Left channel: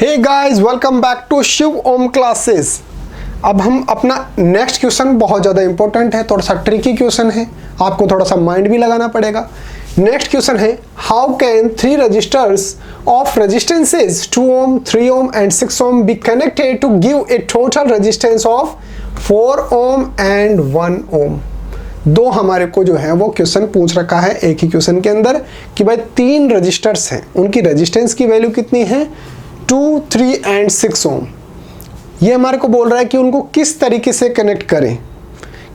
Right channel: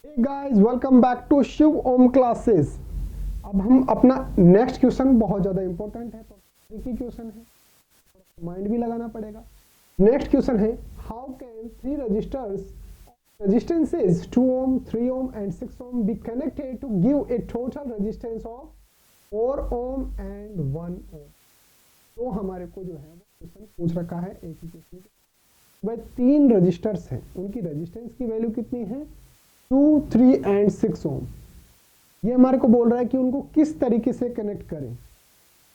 Hey guys, welcome back to Shiv Om classes. अब हम अपना नेक्स्ट क्वेश्चन बहुत ज़्यादा इंपॉर्टेंट है, थोड़ा सा ट्रिकी क्वेश्चन है, आपको थोड़ा सा माइंड भी लगाना पड़ेगा। नेक्स्ट क्वेश्चन है, how can 3 registers of resistances 2 ohm, 3 ohm and 6 ohm be connected to give a total resistance of 4 ohm and 1 ohm. दो हमारे को जो है वो क्वेश्चन पूछ रखा है एक ही क्वेश्चन के अंदर कि भाई 3 रजिस्टर्स हैं, उनकी रेजिस्टेंस की वैल्यू कितनी है 2, 3 एंड 6 ओम। ये हमारे को बोल रहा है कि उनको किस तरीके से कनेक्ट करें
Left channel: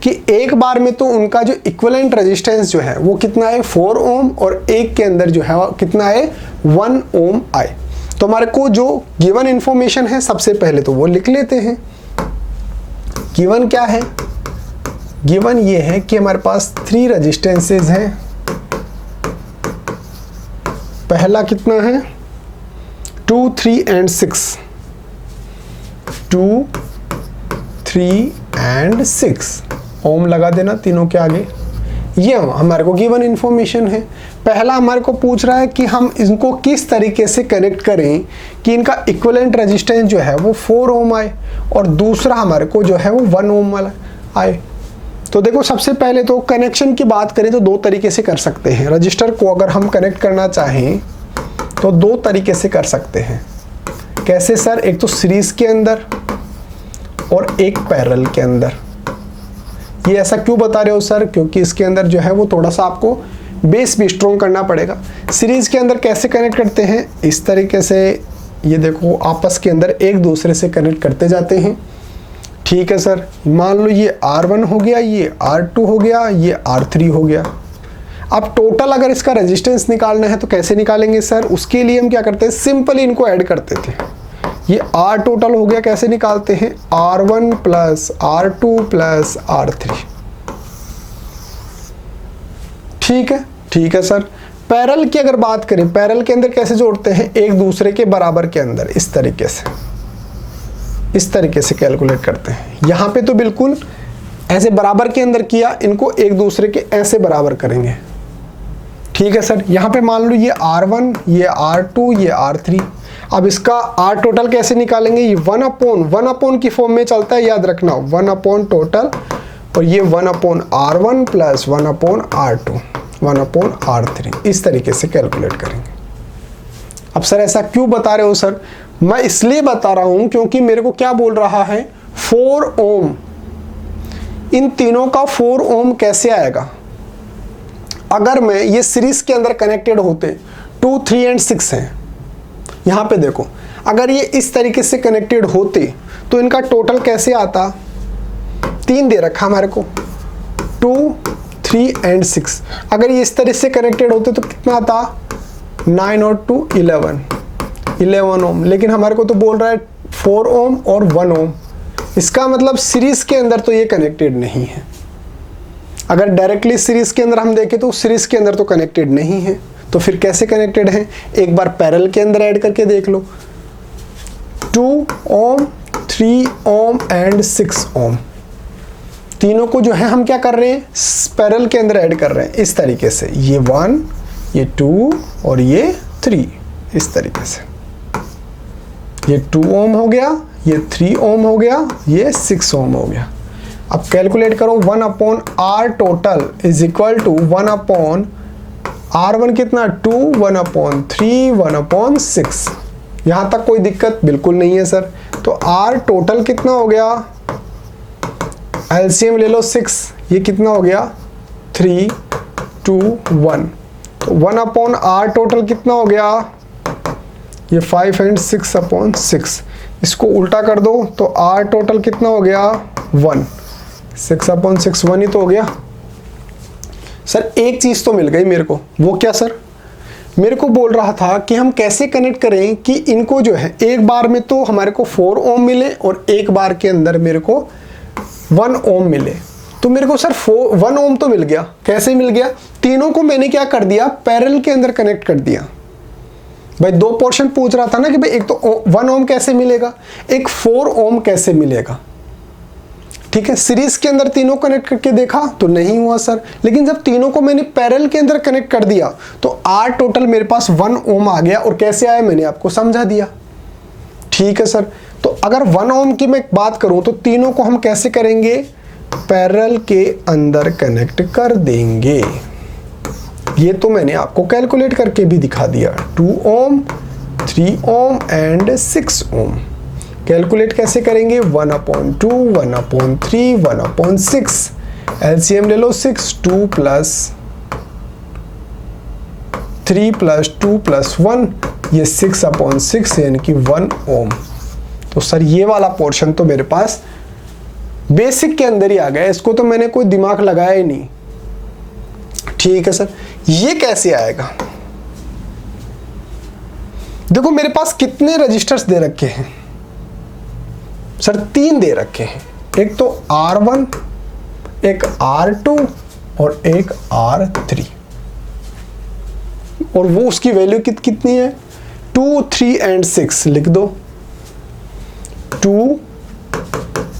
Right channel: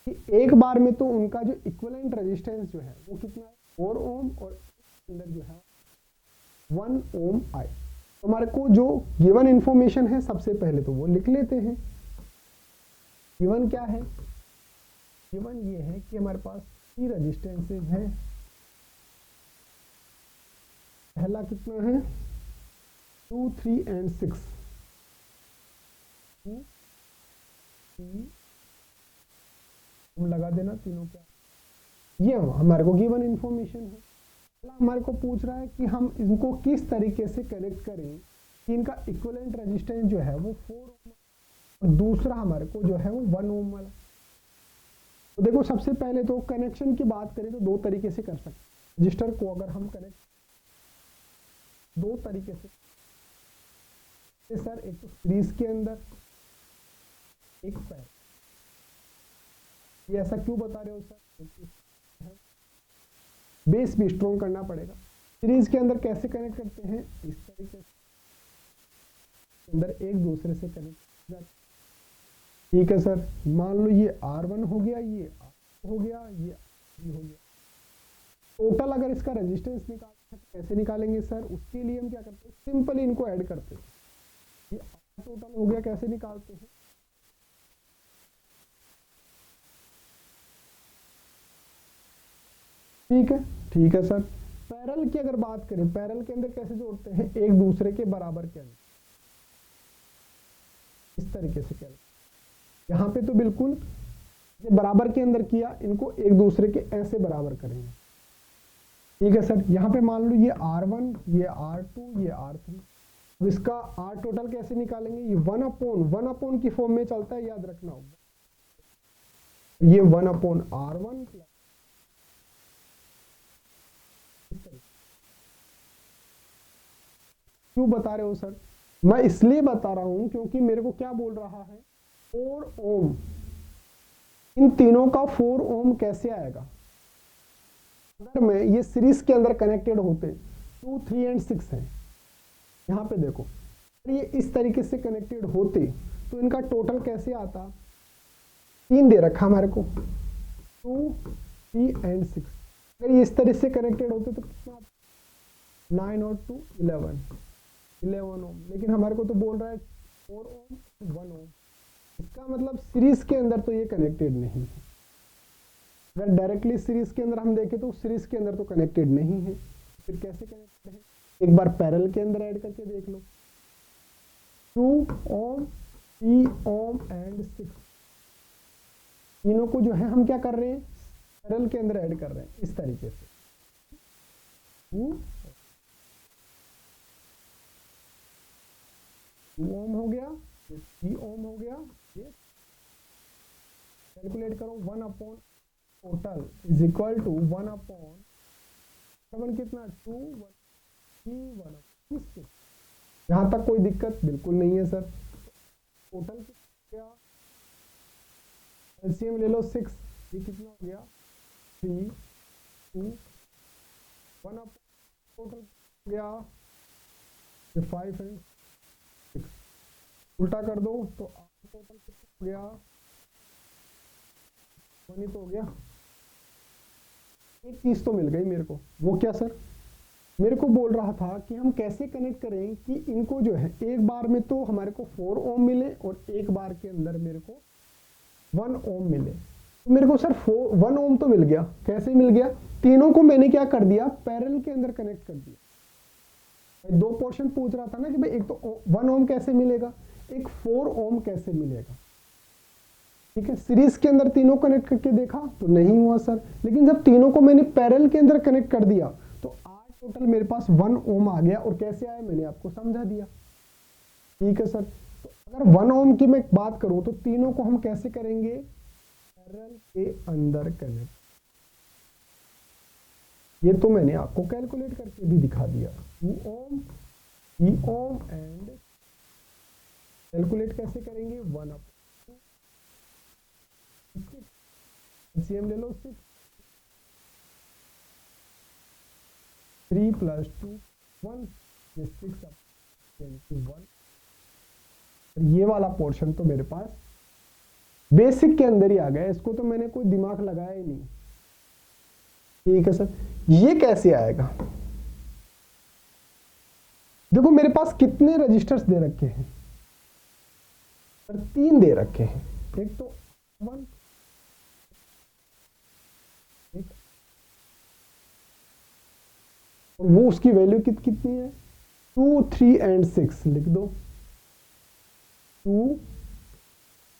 कि एक बार में तो उनका जो इक्विवेलेंट रेजिस्टेंस जो है वो कितना है 4 ओम और एक के अंदर जो है कितना है 1 ओम आए। तो हमारे को जो गिवन इंफॉर्मेशन है सबसे पहले तो वो लिख लेते हैं। गिवन क्या है? गिवन ये है कि हमारे पास 3 रेजिस्टेंसेस हैं। पहला कितना है 2, 3 एंड 6, 2, 3 एंड 6 ओम लगा देना तीनों के आगे। ये हमारे को गिवन इंफॉर्मेशन है। पहला हमारे को पूछ रहा है कि हम इनको किस तरीके से कनेक्ट करें कि इनका इक्विवेलेंट रेजिस्टेंस जो है वो 4 ओम आए और दूसरा हमारे को जो है वो 1 ओम वाला आए। तो देखो, सबसे पहले तो कनेक्शन की बात करें तो 2 तरीके से कर सकते हैं। रजिस्टर को अगर हम कनेक्ट करना चाहें तो 2 तरीके से कर सकते हैं। कैसे सर? एक तो सीरीज के अंदर और एक पैरेलल के अंदर। ये ऐसा क्यों बता रहे हो सर? क्योंकि इसके अंदर जो है वो थोड़ा सा आपको बेस भी स्ट्रॉन्ग करना पड़ेगा। सीरीज के अंदर कैसे कनेक्ट करते हैं? इस तरीके से, ये देखो आपस के अंदर एक दूसरे से कनेक्ट करते जाते हैं। ठीक है सर, मान लो ये R1 हो गया, ये R2 हो गया, ये R3 हो गया। अब टोटल अगर इसका रेजिस्टेंस निकालना है तो कैसे निकालेंगे सर? उसके लिए हम क्या करते हैं, सिंपली इनको ऐड करते थे। ये R टोटल हो गया, कैसे निकालते हैं? R1 plus R2 plus R3। ठीक है सर। पैरेलल की अगर बात करें, पैरेलल के अंदर कैसे जोड़ते हैं? एक दूसरे के बराबर के अंदर इस तरीके से कैलकुलेट करते हैं। यहाँ पे तो बिल्कुल ऐसे बराबर के अंदर किया, इनको एक दूसरे के ऐसे बराबर करेंगे। ठीक है सर। यहाँ पे मान लो ये R1, ये R2, ये R3। अब इसका R टोटल कैसे निकालेंगे? ये 1 अपॉन की फॉर्म में चलता है, याद रखना 1 अपॉन टोटल, और ये 1 upon R1 plus 1 upon R2, 1 upon R3। इस तरीके से कैलकुलेट करेंगे। अब सर ऐसा क्यों बता रहे हो सर? मैं इसलिए बता रहा हूं क्योंकि मेरे को क्या बोल रहा है 4 ओम। इन तीनों का 4 ओम कैसे आएगा? अगर मैं ये सीरीज के अंदर कनेक्टेड होते 2, 3 एंड 6 हैं, यहाँ पे देखो, अगर ये इस तरीके से कनेक्टेड होते तो इनका टोटल कैसे आता? 3 दे रखा हमारे को, 2, 3 एंड 6। अगर ये इस तरह से कनेक्टेड होते तो कितना आता? 9 और 2 11 ओम। लेकिन हमारे को तो बोल रहा है 4 ओम और 1 ओम। इसका मतलब सीरीज के अंदर तो ये कनेक्टेड नहीं है। अगर डायरेक्टली सीरीज के अंदर हम देखें तो सीरीज के अंदर तो कनेक्टेड नहीं है, तो फिर कैसे कनेक्टेड है? एक बार पैरेलल के अंदर ऐड करके देख लो। 2 ओम, 3 ओम एंड 6 ओम। तीनों को जो है हम क्या कर रहे हैं, पैरेलल के अंदर ऐड कर रहे हैं इस तरीके से। ये 1, ये 2 और ये 3, इस तरीके से। ये 2 ओम हो गया, ये 3 ओम हो गया, ये 6 ओम हो गया। अब कैलकुलेट करो, 1 upon R total is equal to 1 upon R1 कितना 2, 1 अपॉन 3, 1 अपॉन 6। यहाँ तक कोई दिक्कत बिल्कुल नहीं है सर। तो R टोटल कितना हो गया? एलसीएम ले लो 6, ये कितना हो गया 3, 2, 1। तो 1 अपॉन R टोटल कितना हो गया? ये 5 एंड 6 अपॉन 6। इसको उल्टा कर दो तो R टोटल कितना हो गया 1, 6 अपॉन 6 1 ही तो हो गया। सर एक चीज़ तो मिल गई मेरे को, वो क्या सर? मेरे को बोल रहा था कि हम कैसे कनेक्ट करें कि इनको जो है एक बार में तो हमारे को 4 ओम मिले और एक बार के अंदर मेरे को 1 ओम मिले। तो मेरे को सर 1 ओम तो मिल गया। कैसे मिल गया? तीनों को मैंने क्या कर दिया, पैरेलल के अंदर कनेक्ट कर दिया। भाई 2 पोर्शन पूछ रहा था ना कि भाई एक तो 1 ओम कैसे मिलेगा, एक 4 ओम कैसे मिलेगा। ठीक है, सीरीज के अंदर तीनों कनेक्ट करके देखा तो नहीं हुआ सर। लेकिन जब तीनों को मैंने पैरेलल के अंदर कनेक्ट कर दिया तो R टोटल मेरे पास 1 ओम आ गया। और कैसे आया मैंने आपको समझा दिया। ठीक है सर। तो अगर 1 ओम की मैं बात करूं तो तीनों को हम कैसे करेंगे, पैरेलल के अंदर कनेक्ट कर देंगे। ये तो मैंने आपको कैलकुलेट करके भी दिखा दिया। 2 ohm, 3 ohm and 6 Om. Calculate कैसे करेंगे, 1/2, 1/3, 1/6। एलसीएम ले लो 6, 2 प्लस 3 प्लस 2 प्लस 1, ये 6/6 यानी कि 1 ओम। तो सर ये वाला पोर्शन तो मेरे पास बेसिक के अंदर ही आ गया, इसको तो मैंने कोई दिमाग लगाया ही नहीं। ठीक है सर, ये कैसे आएगा? देखो मेरे पास कितने रजिस्टर्स दे रखे हैं सर, 3 दे रखे हैं। एक तो R1, एक R2 और एक R3, और वो उसकी वैल्यू कितनी है, 2, 3 एंड 6 लिख दो। 2,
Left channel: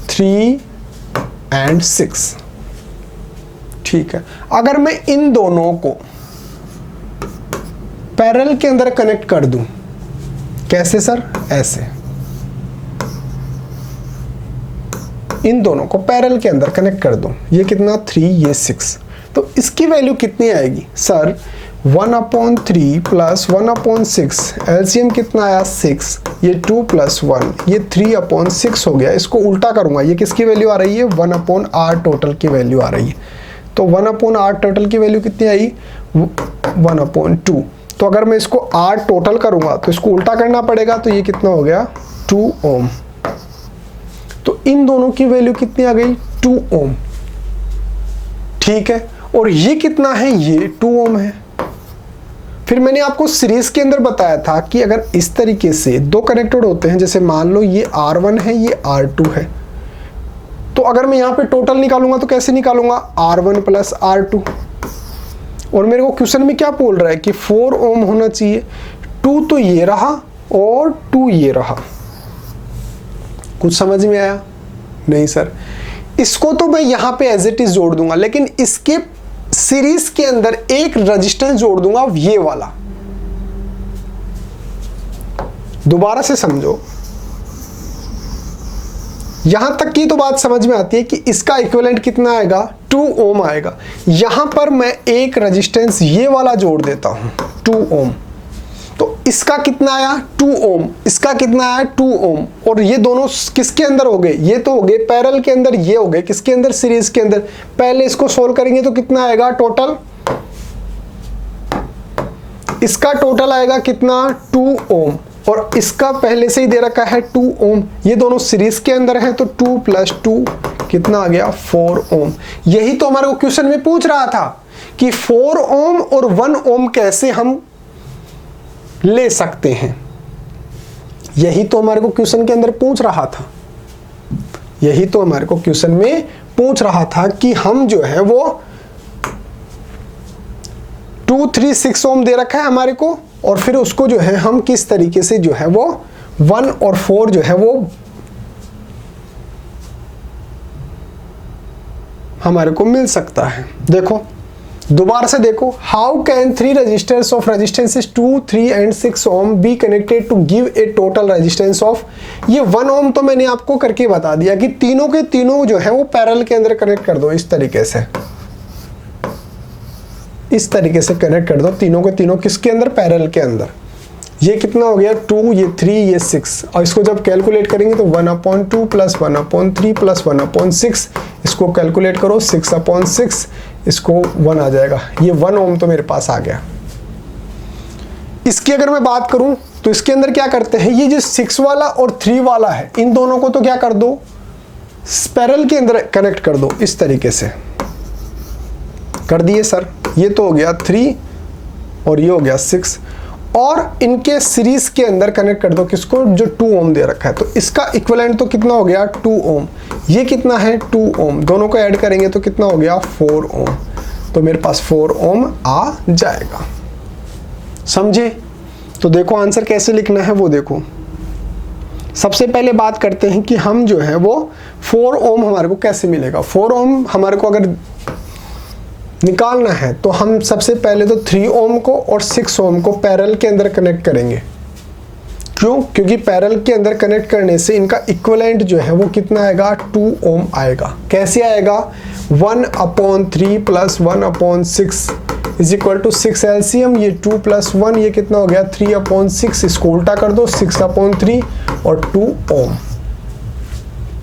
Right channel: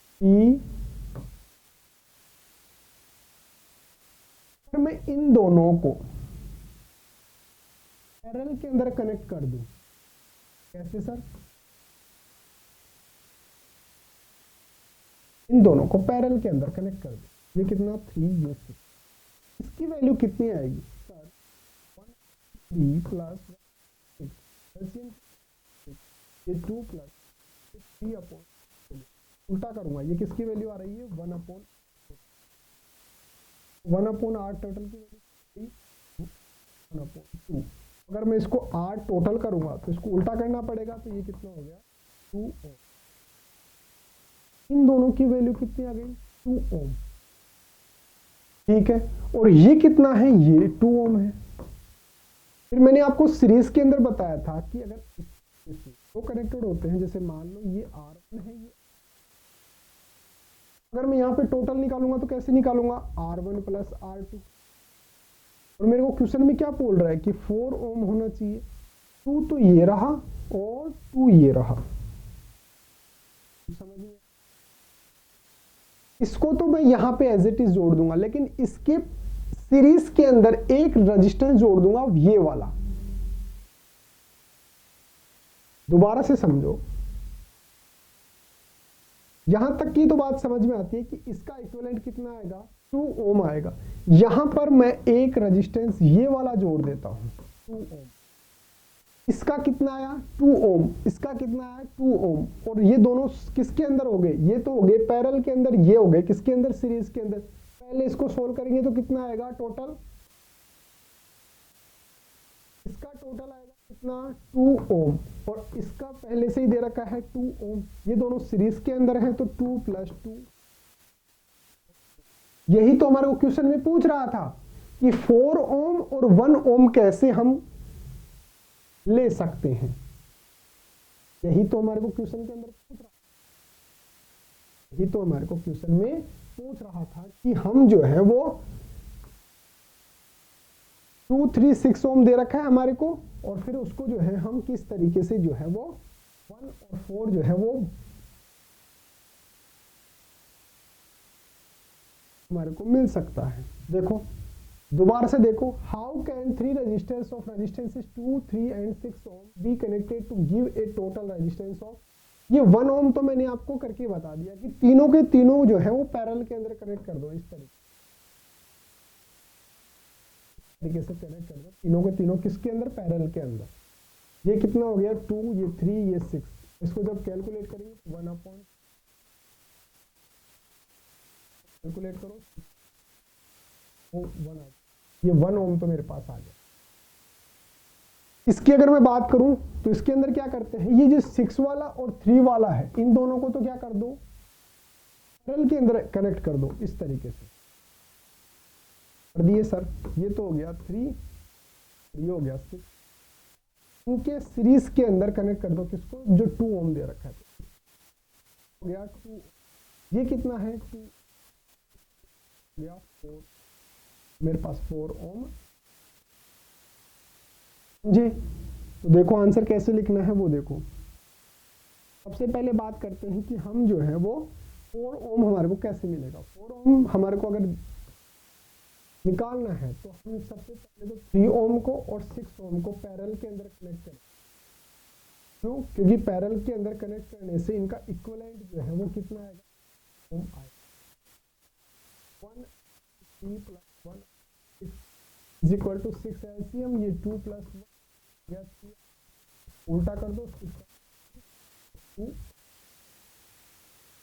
3 एंड 6। ठीक है, अगर मैं इन दोनों को पैरेलल के अंदर कनेक्ट कर दूं, कैसे सर, ऐसे इन दोनों को पैरेलल के अंदर कनेक्ट कर दूं, ये कितना 3, ये 6, तो इसकी वैल्यू कितनी आएगी सर, 1/3 प्लस 1/6, एलसीएम कितना आया 6, ये 2 प्लस 1, ये 3/6 हो गया। इसको उल्टा करूंगा, ये किसकी वैल्यू आ रही है, 1/r टोटल की वैल्यू आ रही है। तो 1/r टोटल की वैल्यू कितनी आई, 1/2। तो अगर मैं इसको r टोटल करूंगा तो इसको उल्टा करना पड़ेगा, तो ये कितना हो गया 2 ओम। तो इन दोनों की वैल्यू कितनी आ गई, 2 ओम। ठीक है, और ये कितना है, ये 2 ओम है। फिर मैंने आपको सीरीज के अंदर बताया था कि अगर इस तरीके से दो कनेक्टेड होते हैं, जैसे मान लो ये R1 है, ये R2 है, तो अगर मैं यहाँ पे टोटल निकालूंगा तो कैसे निकालूंगा, R1 प्लस R2। और मेरे को क्वेश्चन में क्या बोल रहा है कि 4 ओम होना चाहिए। 2 तो ये रहा और 2 ये रहा। कुछ समझ में आया? नहीं सर, इसको तो मैं यहाँ पे एज इट इज जोड़ दूंगा, लेकिन इसके सीरीज के अंदर एक रेजिस्टेंस जोड़ दूंगा, ये वाला। दोबारा से समझो, यहां तक की तो बात समझ में आती है कि इसका इक्विवेलेंट कितना आएगा, 2 ओम आएगा। यहां पर मैं एक रेजिस्टेंस ये वाला जोड़ देता हूं, 2 ओम। तो इसका कितना आया, 2 ओम, इसका कितना आया, 2 ओम। और ये दोनों किसके अंदर हो गए, ये तो हो गए पैरेलल के अंदर, ये हो गए किसके अंदर, सीरीज के अंदर। पहले इसको सोल्व करेंगे तो कितना आएगा टोटल, इसका टोटल आएगा कितना, 2 ओम, और इसका पहले से ही दे रखा है 2 ओम। ये दोनों सीरीज के अंदर हैं, तो 2 प्लस 2 कितना आ गया, 4 ओम। यही तो हमारे को क्वेश्चन में पूछ रहा था कि 4 ओम और 1 ओम कैसे हम ले सकते हैं। यही तो हमारे को क्वेश्चन के अंदर पूछ रहा था, यही तो हमारे को क्वेश्चन में पूछ रहा था कि हम जो है वो 2, 3, 6 ओम दे रखा है हमारे को, और फिर उसको जो है हम किस तरीके से जो है वो 1 और 4 जो है वो हमारे को मिल सकता है। देखो दोबारा से देखो, how can 3 registers of resistances 2, 3 and 6 ohm be connected to give a total resistance of, ये 1 ओम तो मैंने आपको करके बता दिया कि तीनों के तीनों जो है वो पैरेलल के अंदर कनेक्ट कर दो, इस तरीके से, इस तरीके से कनेक्ट कर दो तीनों के तीनों किसके अंदर, पैरेलल के अंदर। ये कितना हो गया 2, ये 3, ये 6, और इसको जब कैलकुलेट करेंगे तो 1/2 प्लस 1/3 प्लस 1/6, इसको कैलकुलेट करो 6/6, इसको 1 आ जाएगा। ये 1 ओम तो मेरे पास आ गया। इसकी अगर मैं बात करूं तो इसके अंदर क्या करते हैं, ये जो 6 वाला और 3 वाला है, इन दोनों को तो क्या कर दो, पैरेलल के अंदर कनेक्ट कर दो, इस तरीके से कर दिए सर। ये तो हो गया 3 और ये हो गया 6, और इनके सीरीज के अंदर कनेक्ट कर दो किसको, जो 2 ओम दे रखा है। तो इसका इक्विवेलेंट तो कितना हो गया 2 ओम, ये कितना है 2 ओम, दोनों को ऐड करेंगे तो कितना हो गया 4 ओम। तो मेरे पास 4 ओम आ जाएगा। समझे? तो देखो आंसर कैसे लिखना है वो देखो। सबसे पहले बात करते हैं कि हम जो है वो 4 ओम हमारे को कैसे मिलेगा। 4 ओम हमारे को अगर निकालना है तो हम सबसे पहले तो 3 ओम को और 6 ओम को पैरेलल के अंदर कनेक्ट करेंगे। क्यों? क्योंकि पैरेलल के अंदर कनेक्ट करने से इनका इक्विवेलेंट जो है वो कितना आएगा, 2 ओम आएगा। कैसे आएगा? 1/3 + 1/6 इज इक्वल टू 6 एलसीएम, ये 2 + 1 ये कितना हो गया, 3/6। इसको उल्टा कर दो, 6/3 और 2 ओम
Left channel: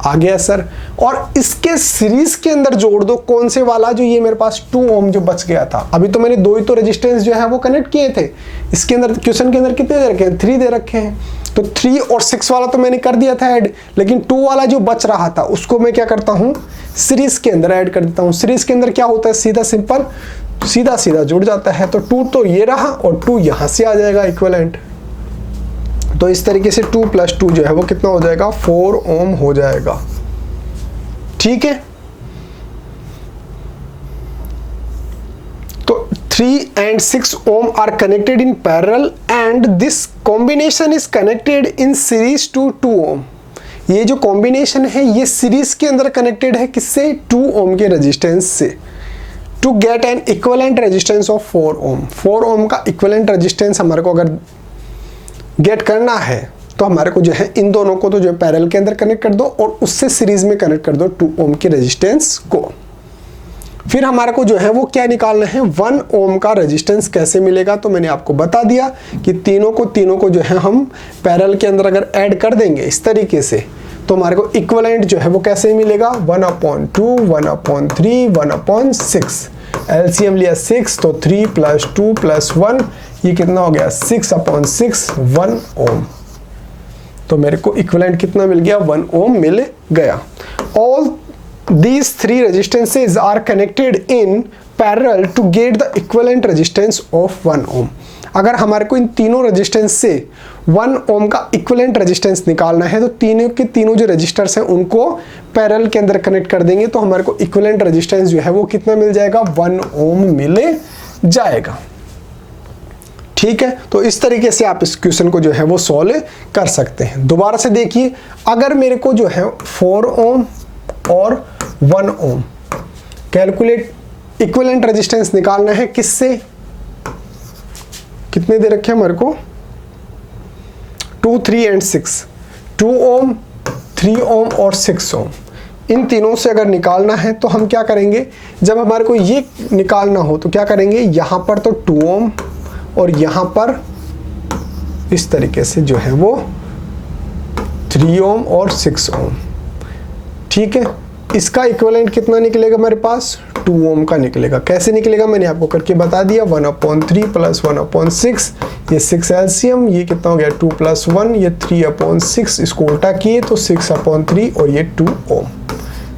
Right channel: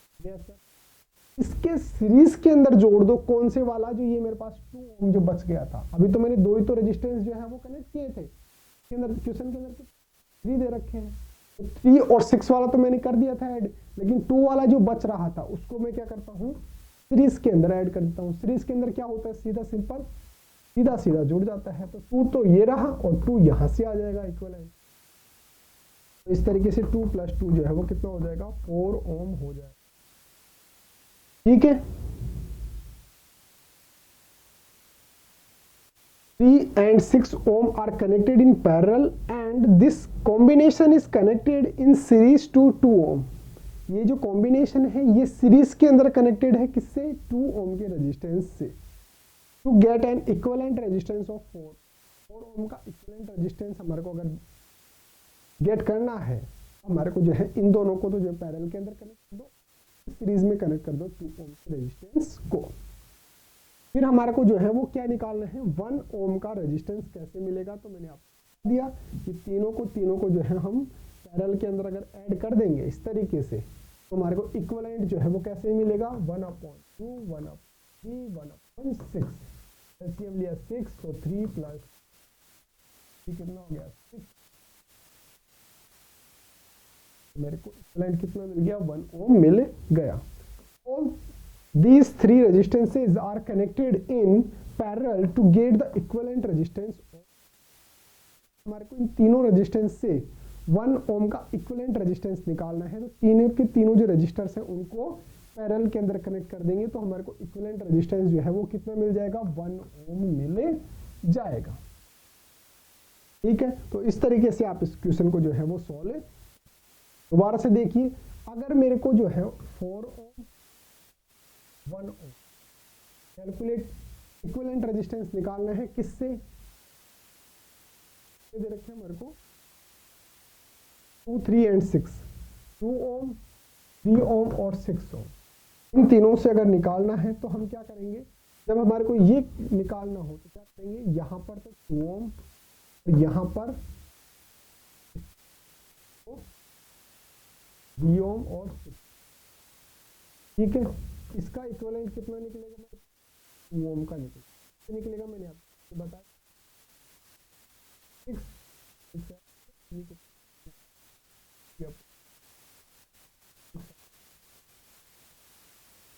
आ गया सर। और इसके सीरीज के अंदर जोड़ दो, कौन से वाला, जो ये मेरे पास 2 ओम जो बच गया था। अभी तो मैंने 2 ही तो रेजिस्टेंस जो है वो कनेक्ट किए थे। इसके अंदर क्वेश्चन के अंदर कितने दे रखे हैं, 3 दे रखे हैं। तो 3 और 6 वाला तो मैंने कर दिया था ऐड, लेकिन 2 वाला जो बच रहा था उसको मैं क्या करता हूँ, सीरीज के अंदर ऐड कर देता हूँ। सीरीज के अंदर क्या होता है, सीधा सिंपल सीधा सीधा जुड़ जाता है। तो 2 तो ये रहा और 2 यहाँ से आ जाएगा इक्विवेलेंट। तो इस तरीके से 2 + 2 जो है वो कितना हो जाएगा, 4 ओम हो जाएगा। ठीक है, तो 3 and 6 ohm are connected in parallel and this combination is connected in series to 2 ohm। ये जो कॉम्बिनेशन है ये सीरीज के अंदर कनेक्टेड है, किससे, 2 ओम के रेजिस्टेंस से। To get an equivalent resistance of 4 ohm. 4 ohm का इक्विवेलेंट रेजिस्टेंस हमारे को अगर गेट करना है तो हमारे को जो है इन दोनों को तो जो है पैरेलल के अंदर कनेक्ट कर दो और उससे सीरीज में कनेक्ट कर दो 2 ओम के रेजिस्टेंस को। फिर हमारे को जो है वो क्या निकालना है, 1 ओम का रेजिस्टेंस कैसे मिलेगा। तो मैंने आपको बता दिया कि तीनों को जो है हम पैरेलल के अंदर अगर ऐड कर देंगे इस तरीके से, तो हमारे को इक्विवेलेंट जो है वो कैसे मिलेगा, 1/2, 1/3, 1/6। एलसीएम लिया 6, तो 3 + 2 + 1 ये कितना हो गया, 6/6, 1 ओम। तो मेरे को इक्विवेलेंट कितना मिल गया, 1 ओम मिल गया। All these 3 resistances are connected in parallel to get the equivalent resistance of 1 ohm। अगर हमारे को इन तीनों रेजिस्टेंस से 1 ओम का इक्विवेलेंट रेजिस्टेंस निकालना है तो तीनों के तीनों जो रजिस्टर्स हैं उनको पैरेलल के अंदर कनेक्ट कर देंगे, तो हमारे को इक्विवेलेंट रेजिस्टेंस जो है वो कितना मिल जाएगा, 1 ओम मिल जाएगा। ठीक है, तो इस तरीके से आप इस क्वेश्चन को जो है वो सॉल्व कर सकते हैं। दोबारा से देखिए, अगर मेरे को जो है 4 ओम और 1 ओम कैलकुलेट इक्विवेलेंट रेजिस्टेंस निकालना है, किससे, कितने दे रखे हैं हमारे को, 2, 3 and 6, 2 ओम, 3 ओम और 6 ओम। इन तीनों से अगर निकालना है तो हम क्या करेंगे, जब हमारे को ये निकालना हो तो क्या करेंगे, यहाँ पर तो 2 ओम और यहाँ पर इस तरीके से जो है वो 3 ओम और 6 ओम। ठीक है, इसका इक्विवेलेंट कितना निकलेगा मेरे पास, 2 ओम का निकलेगा। कैसे निकलेगा मैंने आपको करके बता दिया, 1/3 + 1/6 ये 6 एलसीएम, ये कितना हो गया 2 + 1 ये 3/6, इसको उल्टा किए तो 6/3 और ये 2 ओम।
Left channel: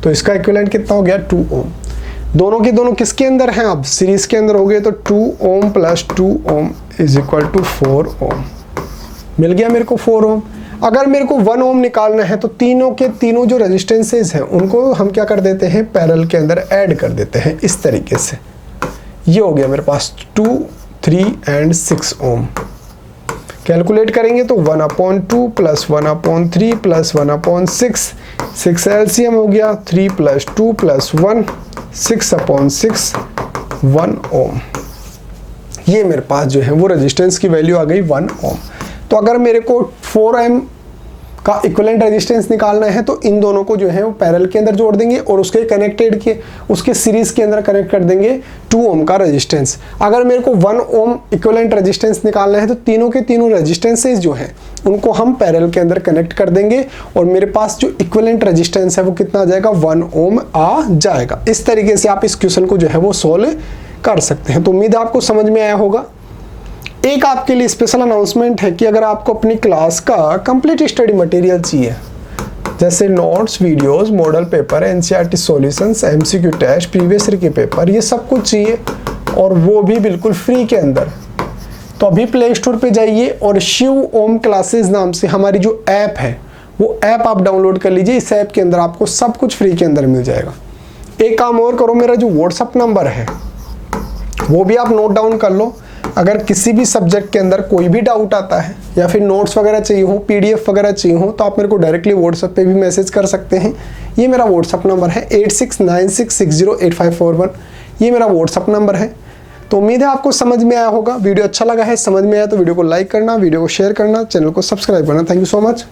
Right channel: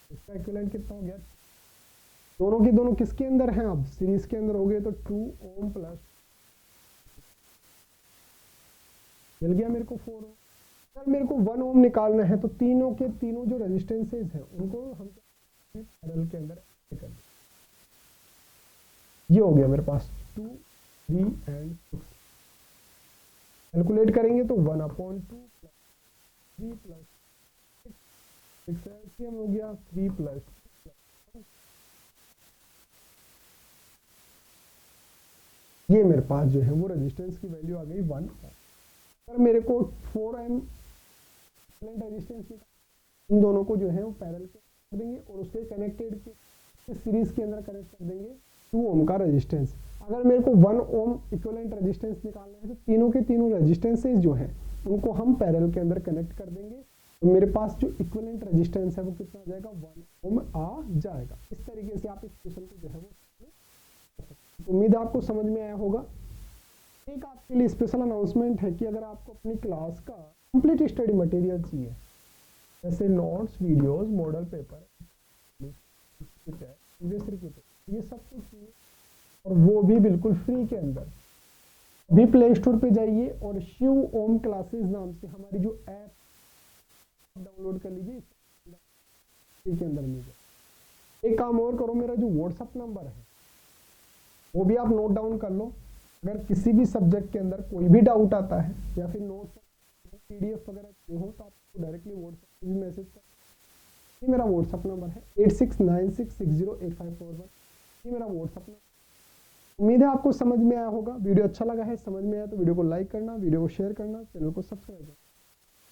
तो इसका इक्विवेलेंट कितना हो गया, 2 ओम। दोनों के दोनों किसके अंदर हैं, अब सीरीज के अंदर हो गए, तो 2 ओम + 2 ओम इज इक्वल टू 4 ओम। मिल गया मेरे को 4 ओम। अगर मेरे को 1 ओम निकालना है तो तीनों के तीनों जो रेजिस्टेंसेस हैं उनको हम क्या कर देते हैं, पैरेलल के अंदर ऐड कर देते हैं इस तरीके से। ये हो गया मेरे पास 2, 3 and 6 ओम। कैलकुलेट करेंगे तो 1/2 + 1/3 + 1/6, 6 एलसीएम हो गया, 3 + 2 + 1, 6/6, 1 ओम। ये मेरे पास जो है वो रेजिस्टेंस की वैल्यू आ गई 1 ओम। तो अगर मेरे को 4 ओम का इक्विवेलेंट रेजिस्टेंस निकालना है तो इन दोनों को जो है वो पैरेलल के अंदर जोड़ देंगे और उसके कनेक्टेड के उसके सीरीज के अंदर कनेक्ट कर देंगे 2 ओम का रेजिस्टेंस। अगर मेरे को 1 ओम इक्विवेलेंट रेजिस्टेंस निकालना है तो तीनों के तीनों रेजिस्टेंसेस जो हैं उनको हम पैरेलल के अंदर कनेक्ट कर देंगे और मेरे पास जो इक्विवेलेंट रेजिस्टेंस है वो कितना आ जाएगा, 1 ओम आ जाएगा। इस तरीके से आप इस क्वेश्चन को जो है वो सोल्व कर सकते हैं। तो उम्मीद है आपको समझ में आया होगा। एक आपके लिए स्पेशल अनाउंसमेंट है कि अगर आपको अपनी क्लास का कंप्लीट स्टडी मटेरियल चाहिए, जैसे notes, videos, model paper, NCERT solutions, MCQ test, previous year के पेपर, ये सब कुछ चाहिए और वो भी बिल्कुल फ्री के अंदर, तो अभी प्ले स्टोर पे जाइए और शिव ओम क्लासेस नाम से हमारी जो ऐप है वो ऐप आप डाउनलोड कर लीजिए। इस ऐप के अंदर आपको सब कुछ फ्री के अंदर मिल जाएगा। एक काम और करो, मेरा जो व्हाट्सअप नंबर है वो भी आप नोट डाउन कर लो। अगर किसी भी सब्जेक्ट के अंदर कोई भी डाउट आता है या फिर नोट्स वगैरह चाहिए हो, पीडीएफ वगैरह चाहिए हो, तो आप मेरे को डायरेक्टली व्हाट्सएप पे भी मैसेज कर सकते हैं। ये मेरा व्हाट्सअप नंबर है 8696608541। ये मेरा व्हाट्सअप नंबर है। तो उम्मीद है आपको समझ में आया होगा। वीडियो अच्छा लगा है, समझ में आया तो वीडियो को लाइक करना, वीडियो को शेयर करना, चैनल को सब्सक्राइब करना। Thank you so much.